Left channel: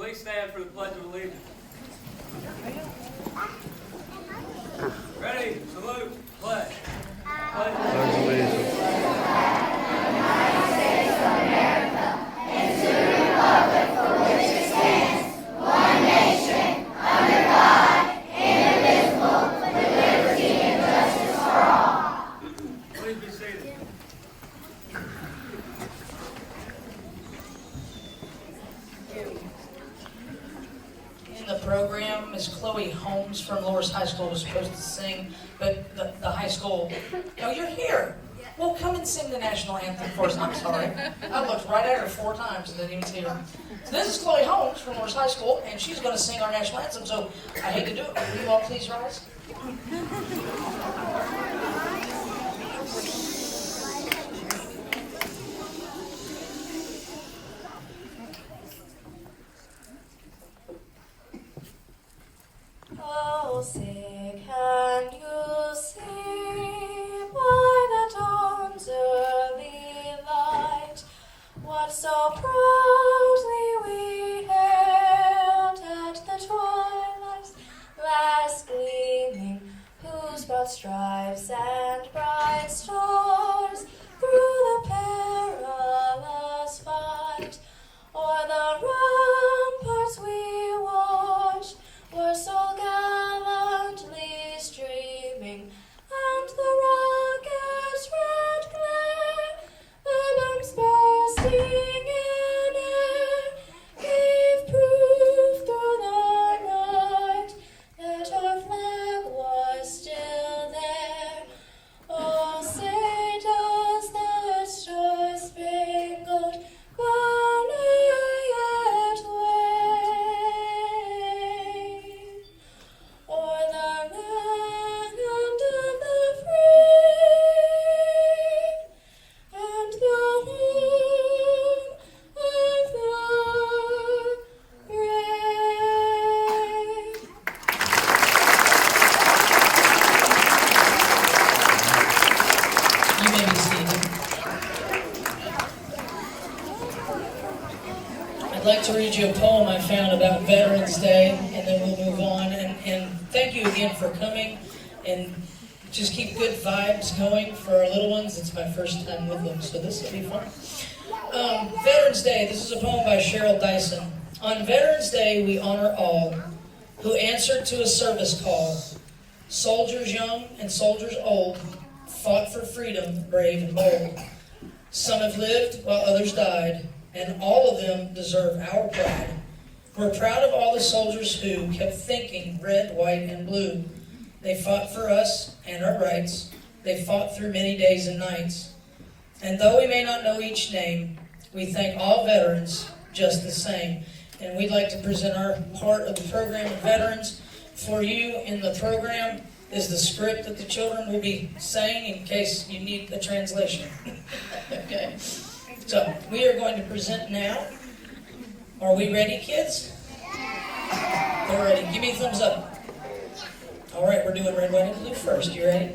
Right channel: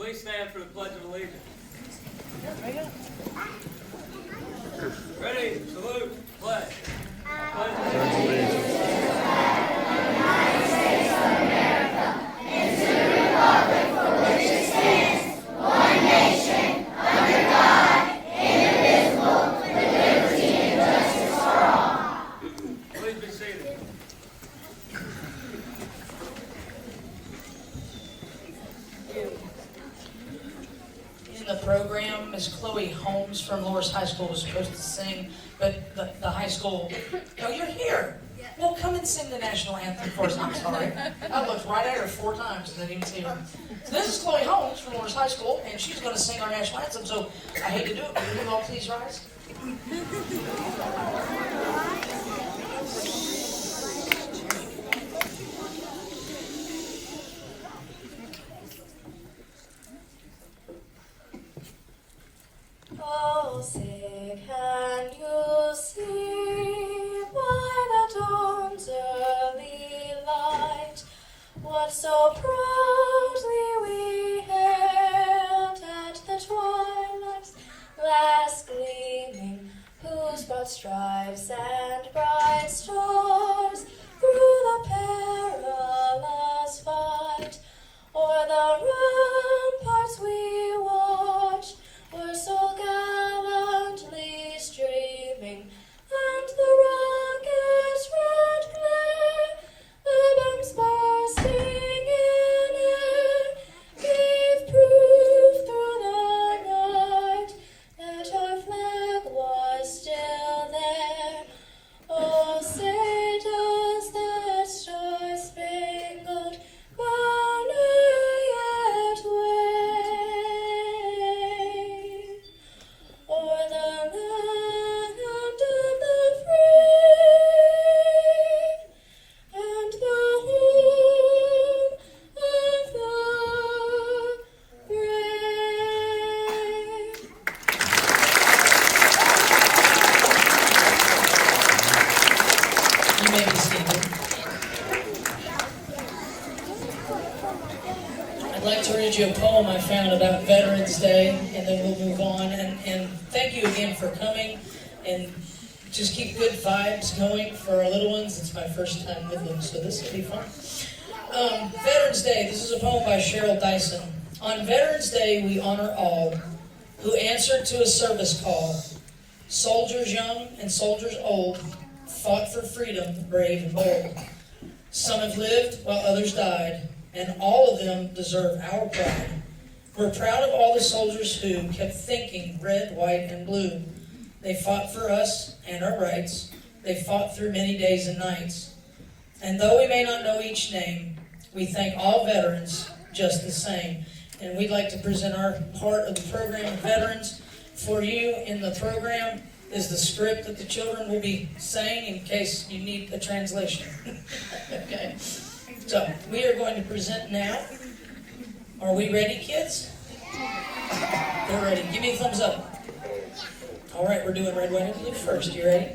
Please stand for the Pledge of Allegiance. Ready, salute, pledge. Pledge of Allegiance. Please be seated. In the program, Miss Chloe Holmes from Loris High School was supposed to sing, but the high school, oh, you're here. Well, come and sing the national anthem for us. I'm sorry. I looked right at her 4 times and didn't even see her. So this is Chloe Holmes from Loris High School, and she's going to sing our national anthem, so I hate to do it, but will you all please rise? Oh, say, can you see by the dawn's early light what so proudly we hailed at the twilight's last gleaming, whose broad stripes and bright stars through the perilous fight o'er the ramparts we watched were so gallantly streaming, and the rocket's red glare, the bombs bursting in air, gave proof through the night that our flag was still there. Oh, say does that star-spangled banner yet wave o'er the land of the free and the home of the brave? You may be seated. I'd like to read you a poem I found about Veterans Day, and then we'll move on. And thank you again for coming, and just keep good vibes going for our little ones. It's my first time with them, so this will be fun. Veterans Day, this is a poem by Cheryl Dyson. On Veterans Day, we honor all who answered to a service call. Soldiers young and soldiers old fought for freedom, brave and bold. Some have lived while others died, and all of them deserve our pride. We're proud of all the soldiers who kept thinking red, white, and blue. They fought for us and our rights. They fought through many days and nights. And though we may not know each name, we thank all veterans just the same. And we'd like to present our part of the program of veterans. For you in the program is the script that the children will be saying in case you need a translation. Okay. So we are going to present now. Are we ready, kids? They're ready. Give me a thumbs up. All right, we're doing Red, White, and Blue first. You ready?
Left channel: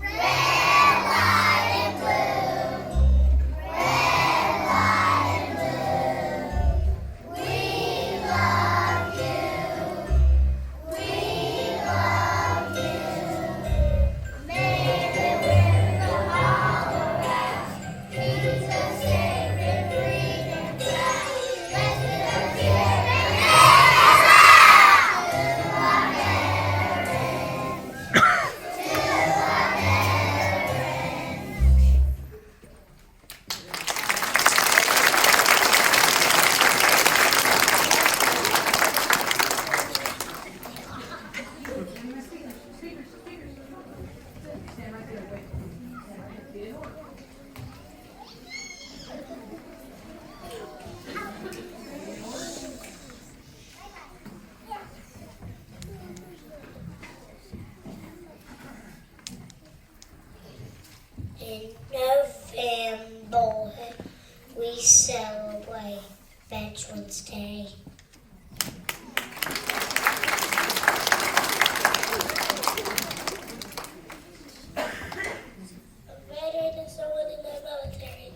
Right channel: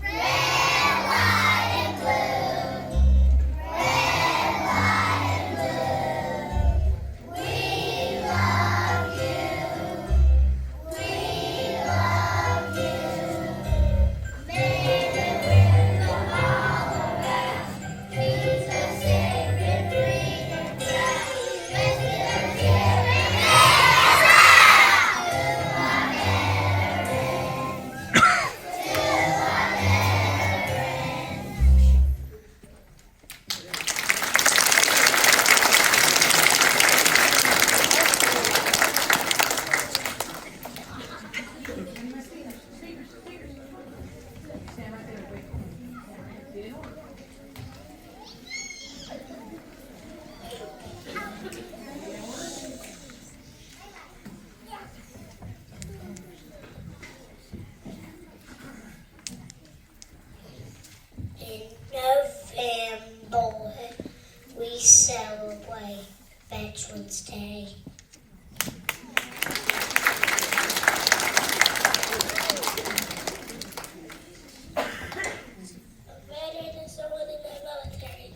Red, white, and blue. In November, we celebrate Veterans Day. A veteran is someone in the military.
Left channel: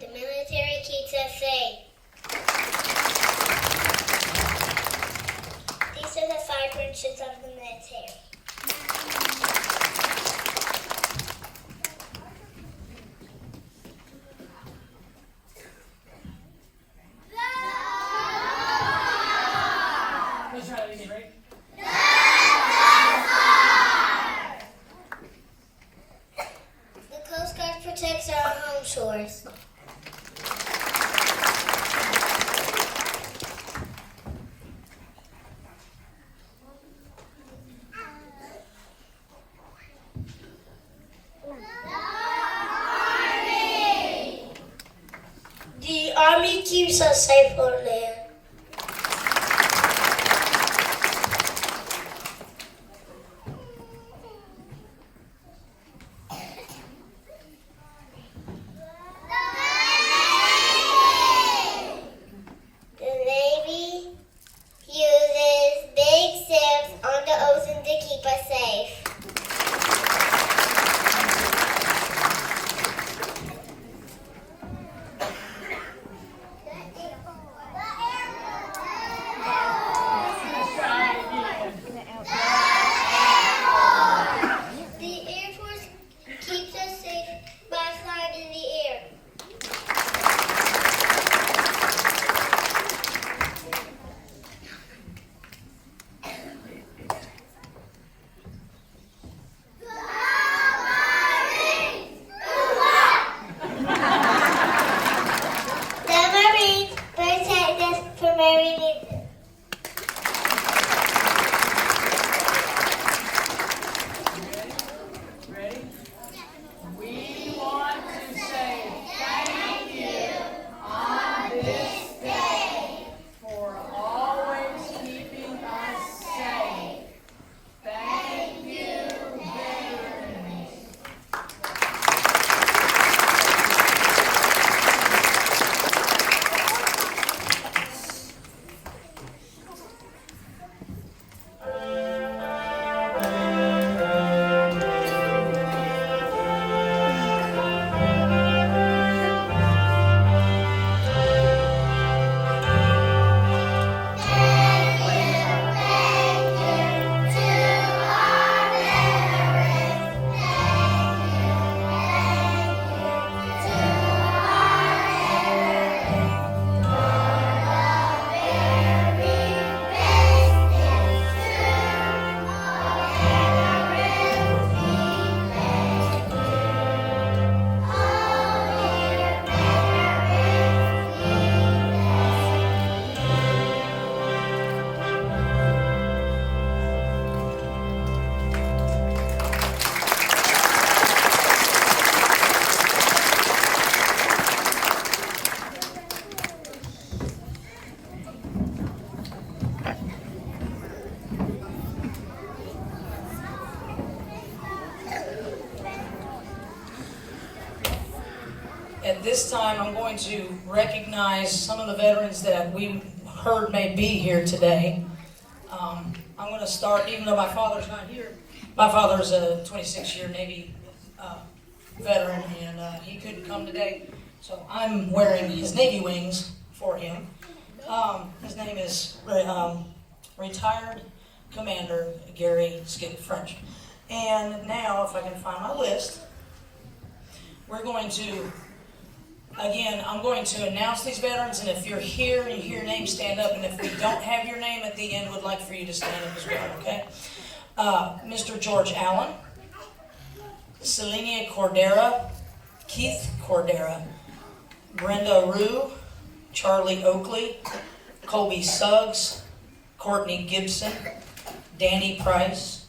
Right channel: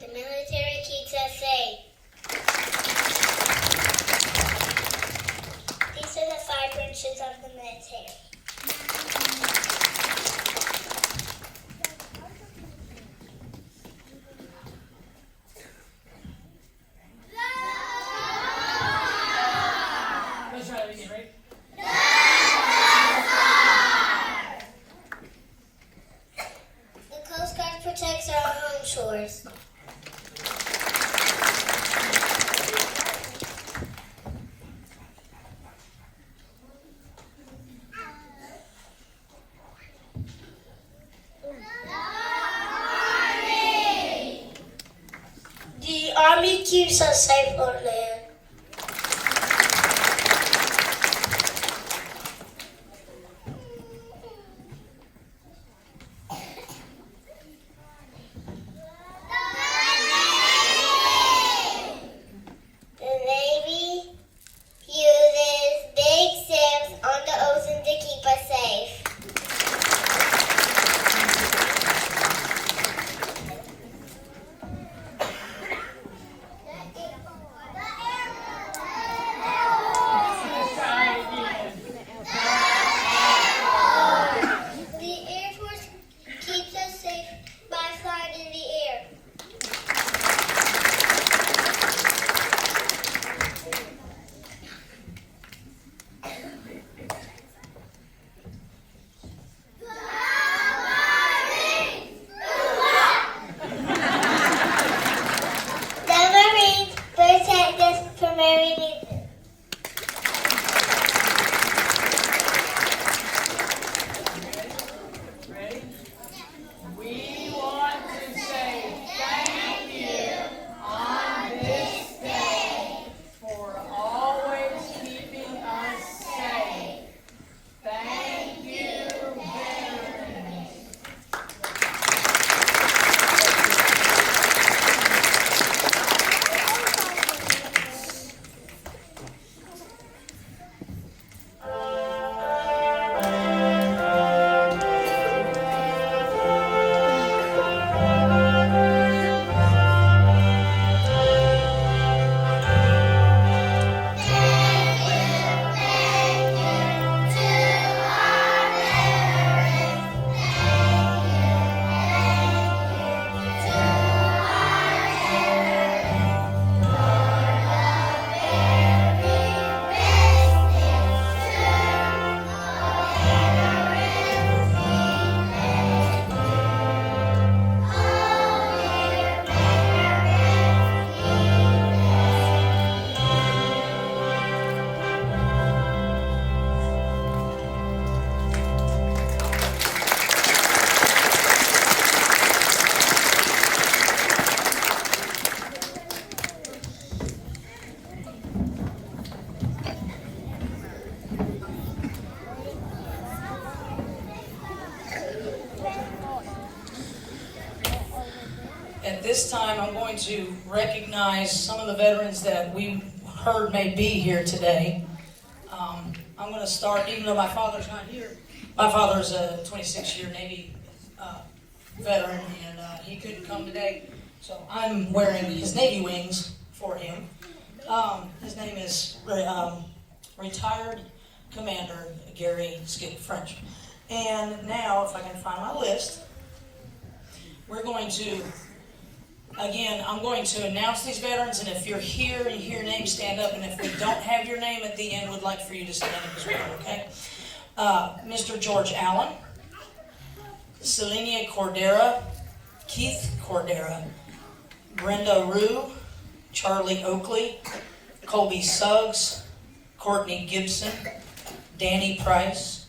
The military keeps us safe. These are the 5 functions of the military. Let's try that again, right? The Coast Guard protects our home shores. The Army keeps us safe on land. The Navy uses big ships on the ocean to keep us safe. The Air Force keeps us safe by flying in the air. The Marines protect us from every reason. Ready? We want to say thank you on this day for always keeping us safe. Thank you, veterans. At this time, I'm going to recognize some of the veterans that we heard may be here today. I'm going to start, even though my father's not here. My father's a 26-year Navy veteran, and he couldn't come today, so I'm wearing his Navy wings for him. His name is retired Commander Gary Skip French. And now, if I can find my list, we're going to, again, I'm going to announce these veterans, and if you're here and you hear your name, stand up, and if we don't have your name at the end, we'd like for you to stand up as well, okay? Mr. George Allen, Selenia Cordera, Keith Cordera, Brenda Rue, Charlie Oakley, Colby Suggs, Courtney Gibson, Danny Price,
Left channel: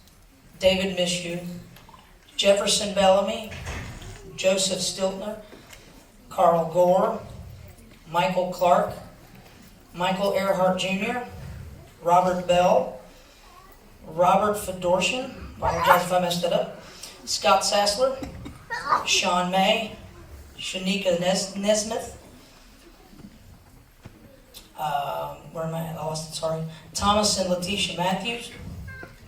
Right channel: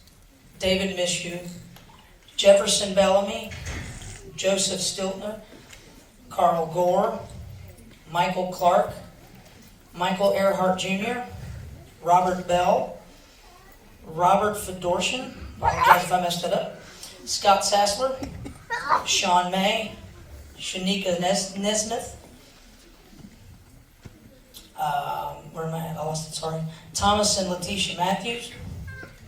David Mishu, Jefferson Bellamy, Joseph Stiltner, Carl Gore, Michael Clark, Michael Earhart Jr., Robert Bell, Robert Fedorshin, apologize if I messed that up, Scott Sassler, Sean May, Shanika Nesmith, where am I at? I lost it, sorry. Thomas and Letitia Matthews,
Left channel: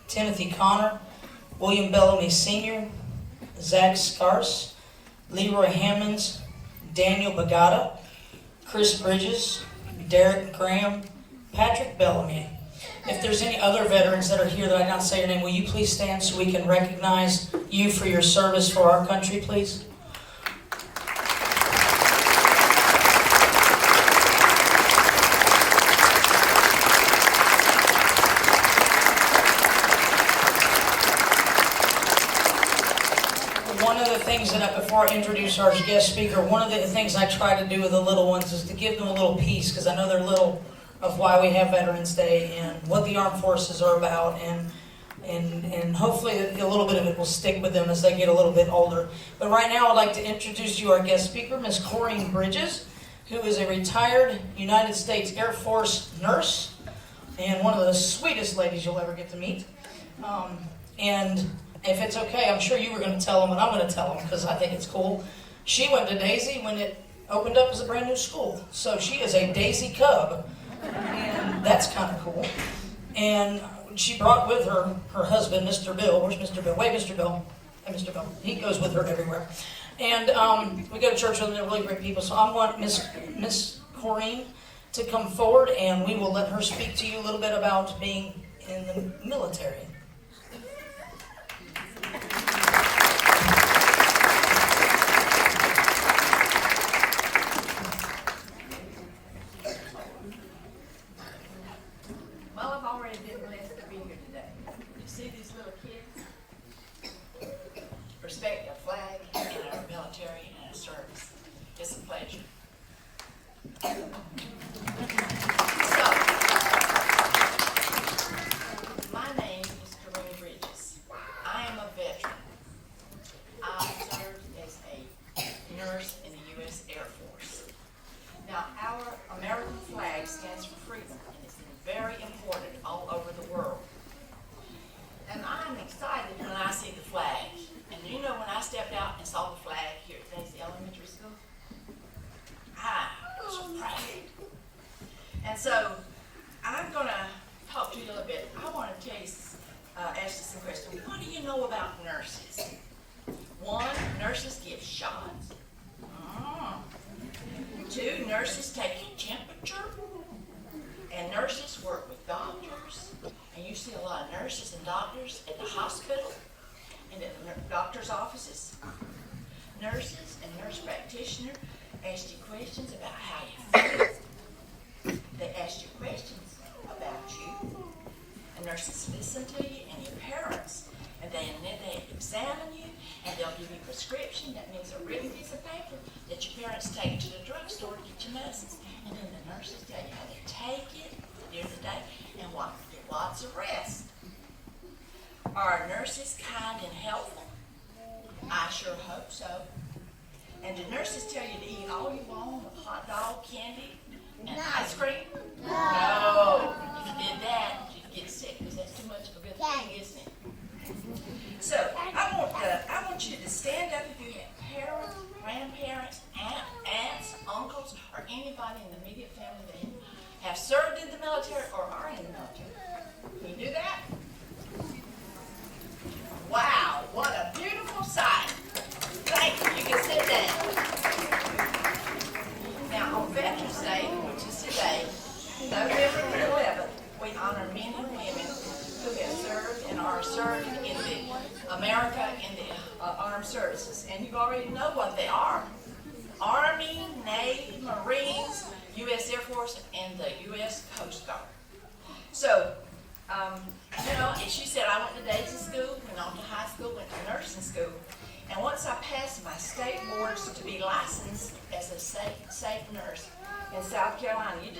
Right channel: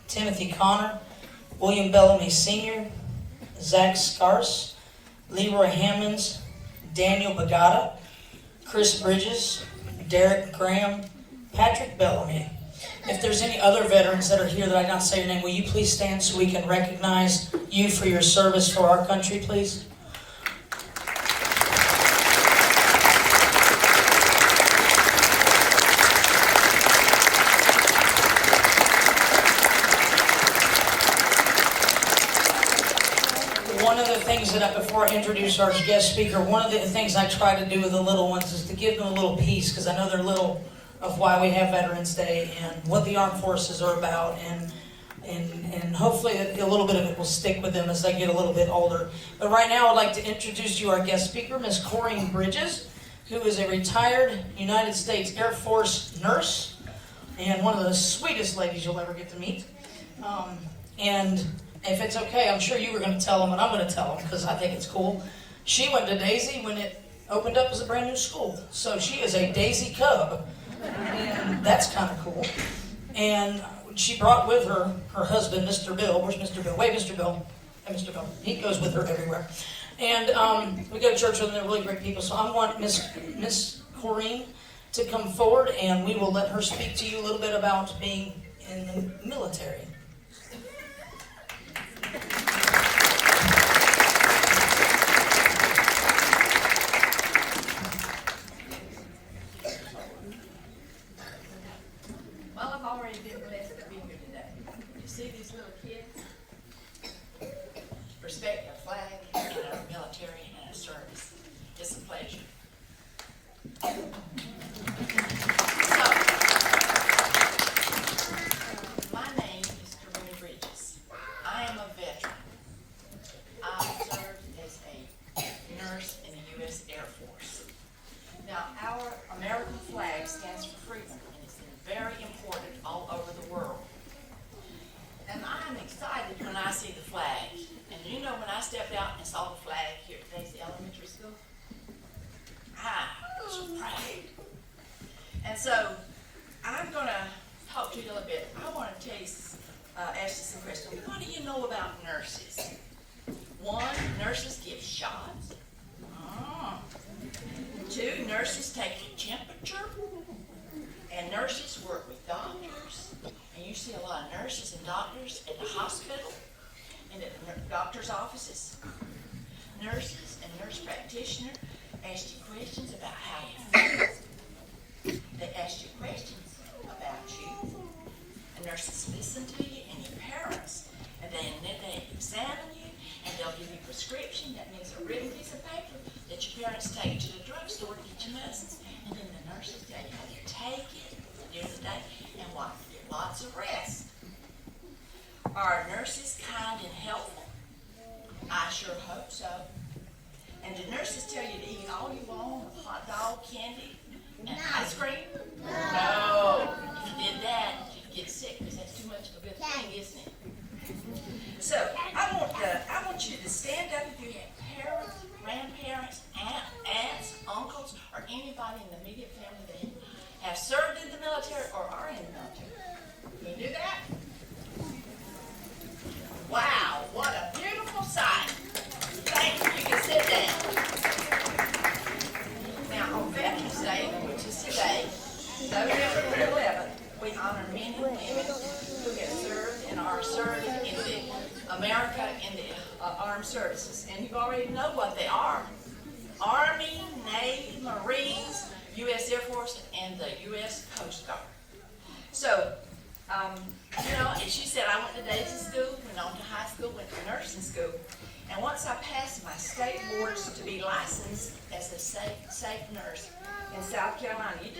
Timothy Connor, William Bellamy Sr., Zach Scars, Leroy Hammonds, Daniel Bagata, Chris Bridges, Derek Graham, Patrick Bellamy. If there's any other veterans that are here that I did not say your name, will you please stand so we can recognize you for your service for our country, please? One of the things before I introduce our guest speaker, one of the things I try to do with the little ones is to give them a little piece, because I know they're little, of why we have Veterans Day and what the armed forces are about, and hopefully a little bit of it will stick with them as they get a little bit older. But right now I'd like to introduce you our guest speaker, Ms. Corrine Bridges, who is a retired United States Air Force nurse and one of the sweetest ladies you'll ever get to meet. And if it's okay, I'm sure you were going to tell them, and I'm going to tell them because I think it's cool. She went to Daisy when it opened up as a brand new school. So she is a Daisy Cub, and that's kind of cool. And she brought with her her husband, Mr. Bill. Where's Mr. Bill? Wait, Mr. Bill. Hey, Mr. Bill. He goes with her everywhere. And we go to church with them. They're really great people. So I want Miss Corrine to come forward, and we will let her speak to you a little bit about being in the military. Well, I've already been blessed to be here today. You see these little kids? Respect our flag and our military and our service. It's a pleasure. So, my name is Corrine Bridges. I am a veteran. I served as a nurse in the U.S. Air Force. Now, our American flag stands for freedom, and it's very important all over the world. And I'm excited when I see the flag. And you know, when I stepped out and saw the flag here at Daisy Elementary School, I was proud. And so, I'm going to talk to you a little bit. I want to tell you, ask you some questions. What do you know about nurses? One, nurses give shots. 2, nurses take your temperature. And nurses work with doctors. And you see a lot of nurses and doctors at the hospital and at the doctor's offices. Nurses and nurse practitioners ask you questions about how you feel. They ask you questions about you. And nurses listen to you and your parents. And then they examine you and they'll give you a prescription. That means a written piece of paper that your parents take to the drugstore to get your medicines. And then the nurses tell you how to take it during the day and what to get lots of rest. Are nurses kind and helpful? I sure hope so. And do nurses tell you to eat all you want of hot dog, candy, and ice cream? No. If you did that, you'd get sick because that's too much of a good thing, isn't it? So I want you to stand up if you have parents, grandparents, aunts, uncles, or anybody in the immediate family that have served in the military or are in the military. Can you do that? Wow, what a beautiful sight. Thank you. You can sit down. Now, on Veterans Day, which is today, November the 11th, we honor men and women who have served and are serving in the America in the armed services. And you already know what they are. Army, Navy, Marines, U.S. Air Force, and the U.S. Coast Guard. So, and she said I went to Daisy School, went on to high school, went to nursing school. And once I passed my state boards to be licensed as a safe nurse in South Carolina, you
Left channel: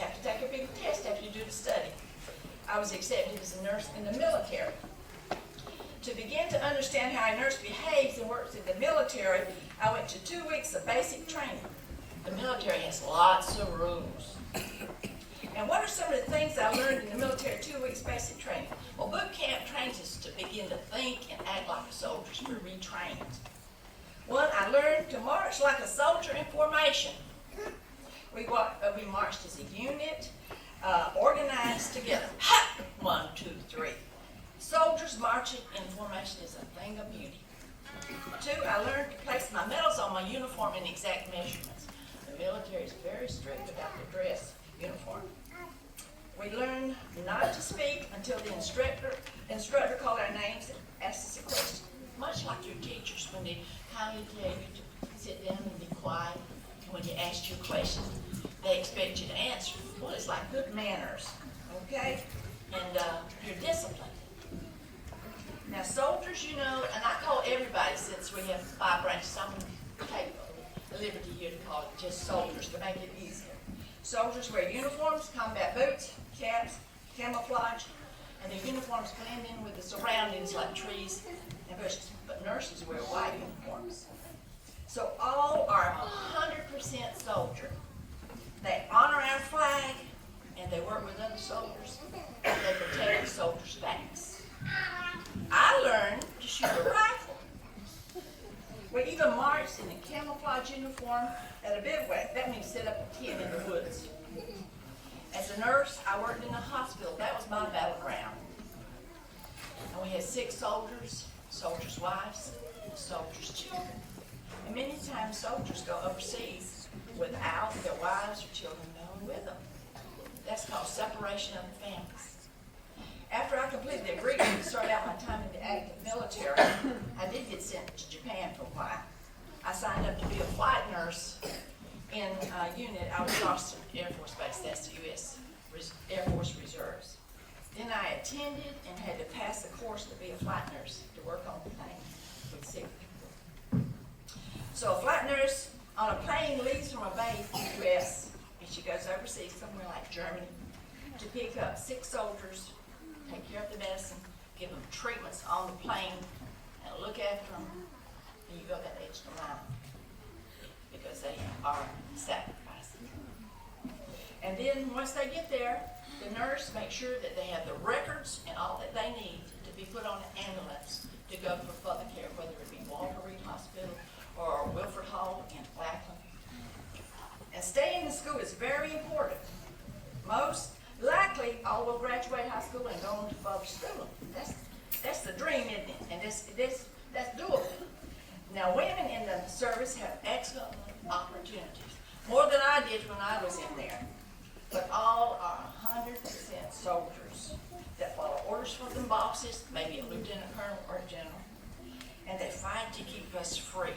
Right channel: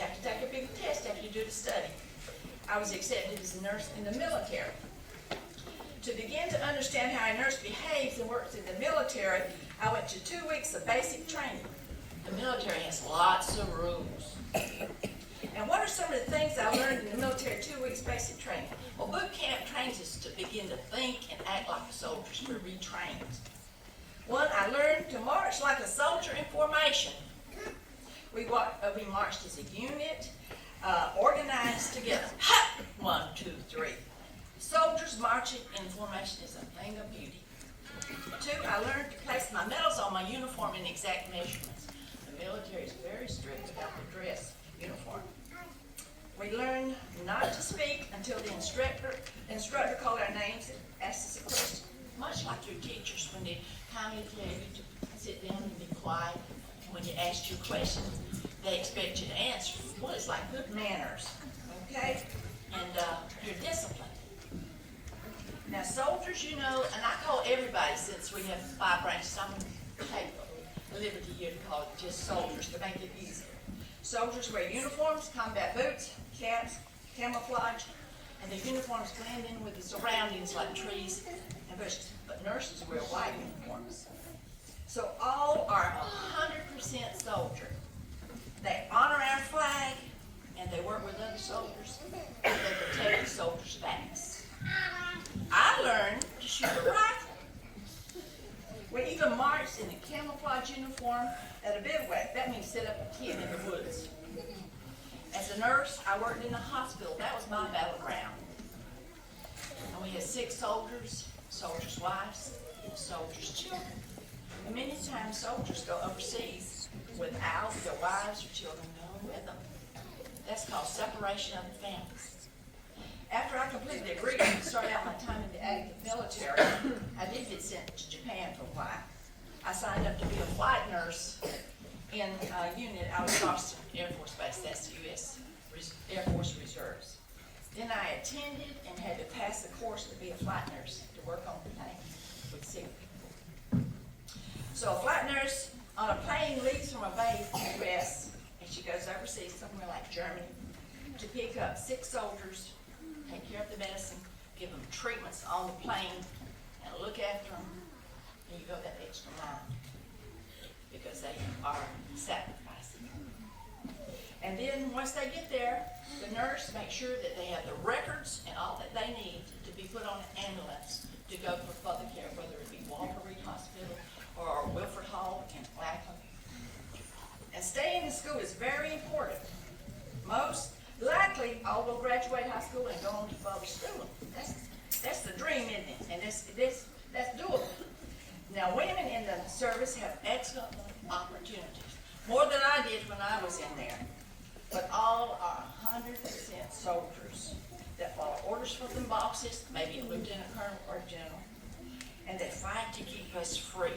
have to take a big test after you do the study. I was accepted as a nurse in the military. To begin to understand how a nurse behaves and works in the military, I went to 2 weeks of basic training. The military has lots of rules. Now, what are some of the things I learned in the military 2 weeks basic training? Well, boot camp trains us to begin to think and act like soldiers. We're retrained. One, I learned to march like a soldier in formation. We marched as a unit, organized together. Ha! 1, 2, 3. Soldiers marching in formation is a thing of beauty. 2, I learned to place my medals on my uniform in exact measurements. The military is very strict about the dress uniform. We learned not to speak until the instructor called our names and asked us a question, much like your teachers when they kindly tell you to sit down and be quiet. When you ask your question, they expect you to answer. Well, it's like good manners, okay? And you're disciplined. Now, soldiers, you know, and I call everybody, since we have 5 branches, I'm going to take the liberty here to call it just soldiers to make it easier. Soldiers wear uniforms, combat boots, caps, camouflage, and the uniforms blend in with the surroundings like trees and bushes. But nurses wear white uniforms. So all are 100% soldier. They honor our flag, and they work with other soldiers, and they protect the soldiers' backs. I learned to shoot a rifle. We even marched in a camouflage uniform at a bivouac. That means set up a tent in the woods. As a nurse, I worked in a hospital. That was my battleground. And we had 6 soldiers, soldiers' wives, and soldiers' children. And many times soldiers go overseas without their wives or children going with them. That's called separation of the families. After I completed the agreement to start out my time in the active military, I did get sent to Japan for a while. I signed up to be a flight nurse in a unit out of Austin Air Force Base. That's the U.S. Air Force Reserves. Then I attended and had to pass the course to be a flight nurse to work on the plane with sick people. So a flight nurse on a plane leaves from a base in the U.S. and she goes overseas, somewhere like Germany, to pick up sick soldiers, take care of the medicine, give them treatments on the plane, and look after them, and you go that extra mile because they are sacrificing. And then once they get there, the nurse makes sure that they have the records and all that they need to be put on an ambulance to go for further care, whether it be Walter Reed Hospital or Wilford Hall in Lackland. And staying in school is very important. Most likely all will graduate high school and go on to further schooling. That's the dream, isn't it? And that's doable. Now, women in the service have excellent opportunities, more than I did when I was in there. But all are 100% soldiers that follow orders from the bosses, maybe a lieutenant colonel or a general, and they fight to keep us free.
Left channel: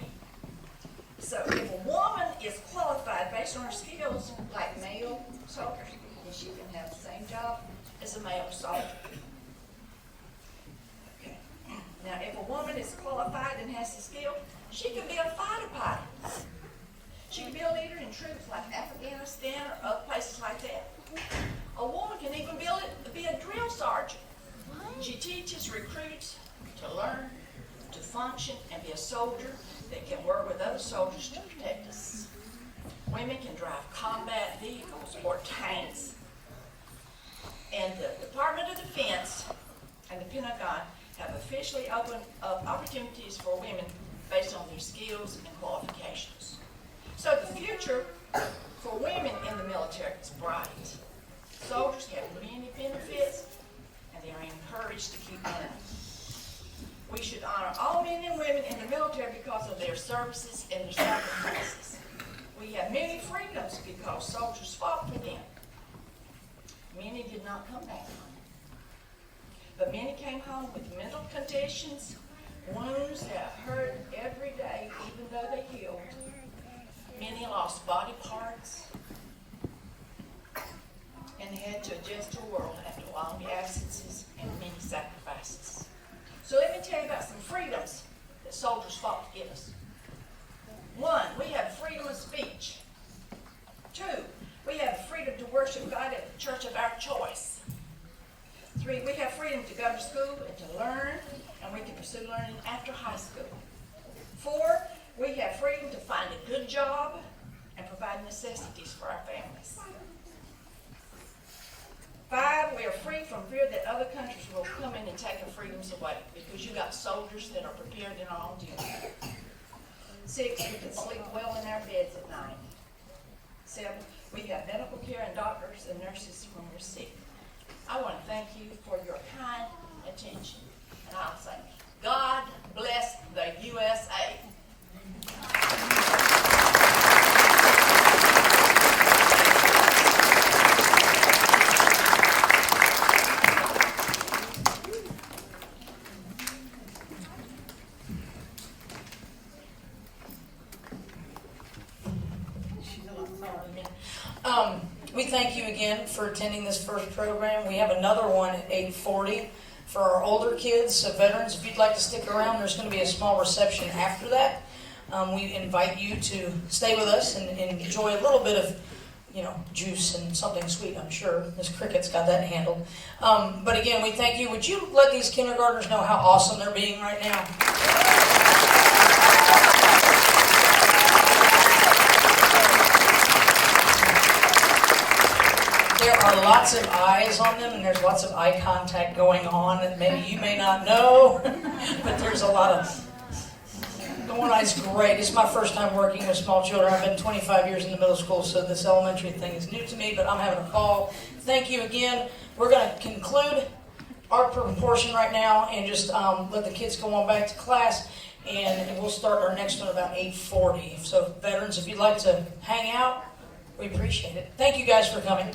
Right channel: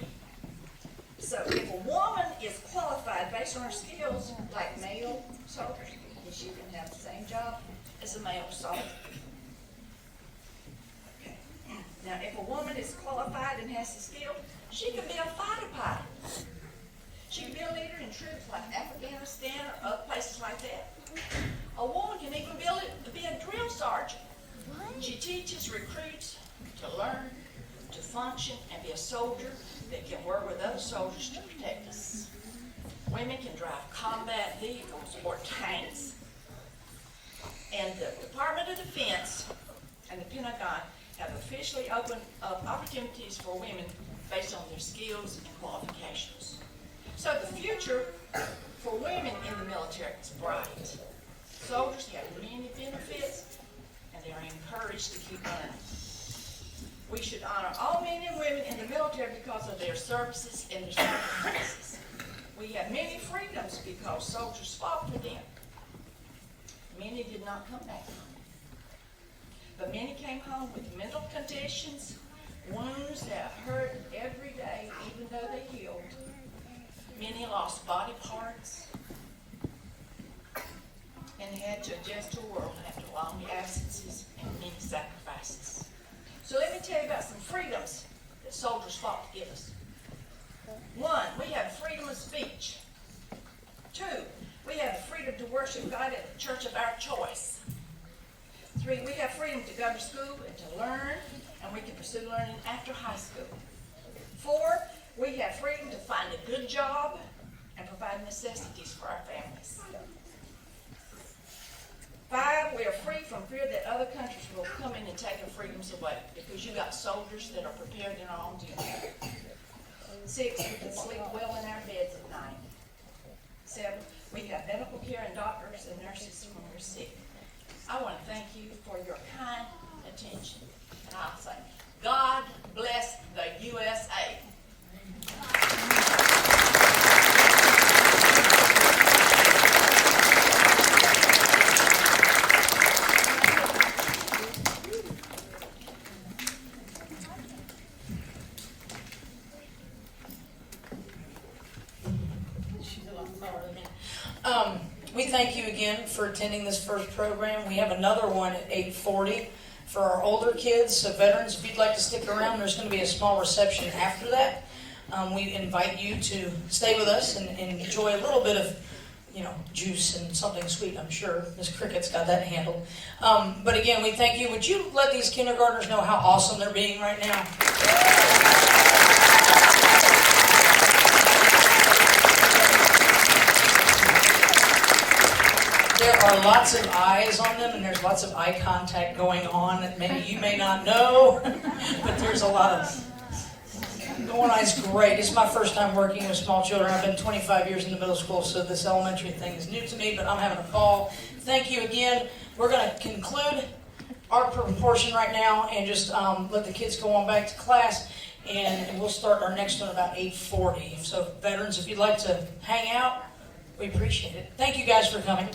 So if a woman is qualified based on her skills, like male soldiers, then she can have the same job as a male soldier. Okay. Now, if a woman is qualified and has the skill, she can be a fighter pilot. She can be a leader in troops like Afghanistan or other places like that. A woman can even be a drill sergeant. She teaches recruits to learn, to function, and be a soldier that can work with other soldiers to protect us. Women can drive combat vehicles or tanks. And the Department of Defense and the Pentagon have officially opened up opportunities for women based on their skills and qualifications. So the future for women in the military is bright. Soldiers have many benefits, and they are encouraged to keep learning. We should honor all men and women in the military because of their services and their sacrifices. We have many freedoms because soldiers fought for them. Many did not come back home. But many came home with mental conditions, wounds that hurt every day, even though they healed. Many lost body parts and had to adjust to the world after long absences and many sacrifices. So let me tell you about some freedoms that soldiers fought to give us. 1, we have freedom of speech. 2, we have freedom to worship God at the church of our choice. 3, we have freedom to go to school and to learn, and we can pursue learning after high school. 4, we have freedom to find a good job and provide necessities for our families. 5, we are free from fear that other countries will come in and take our freedoms away because you got soldiers that are prepared in our own duty. 6, we can sleep well in our beds at night. 7, we have medical care and doctors and nurses when we're sick. I want to thank you for your kind attention. And I'll say, God bless the USA. We thank you again for attending this first program. We have another one at 8:40 for our older kids. So veterans, if you'd like to stick around, there's going to be a small reception after that. We invite you to stay with us and enjoy a little bit of, juice and something sweet, I'm sure. Miss Cricket's got that handled. But again, we thank you. Would you let these kindergartners know how awesome they're being right now? There are lots of eyes on them, and there's lots of eye contact going on that many you may not know, but there's a lot of going on. It's great. It's my first time working with small children. I've been 25 years in the middle school, so this elementary thing is new to me, but I'm having a ball. Thank you again. We're going to conclude our portion right now and just let the kids go on back to class, and we'll start our next one about 8:40. So veterans, if you'd like to hang out, we appreciate it. Thank you guys for coming.